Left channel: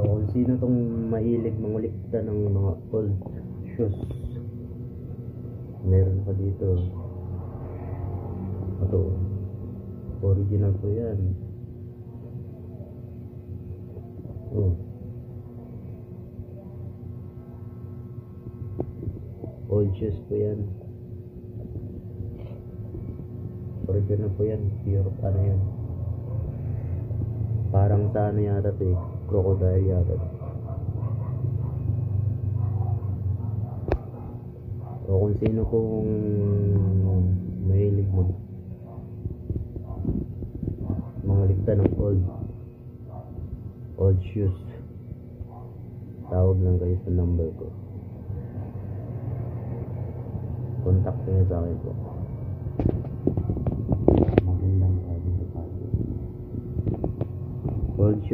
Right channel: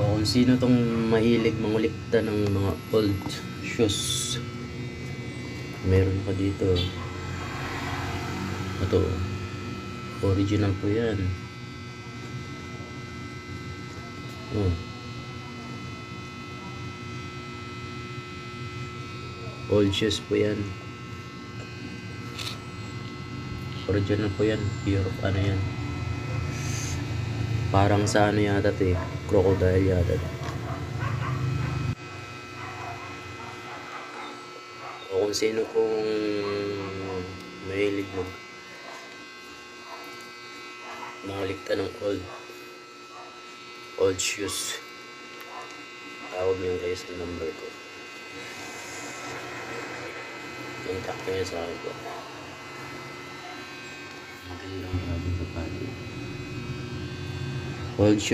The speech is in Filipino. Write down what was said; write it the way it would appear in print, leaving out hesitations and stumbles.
O kung sino tong mahilig mangulikta ng mga old shoes, meron pa dito. Ito, original po yan. Old shoes po yan. Original po yan. Pure ano yan. Parang sa ano yata ito eh, crocodile yata. O kung sino pong mahilig mangulikta ng old shoes, tawag niyo kayo sa number ko. Contact niyo sa akin po. Magandang hapon sa pati. Old shoes.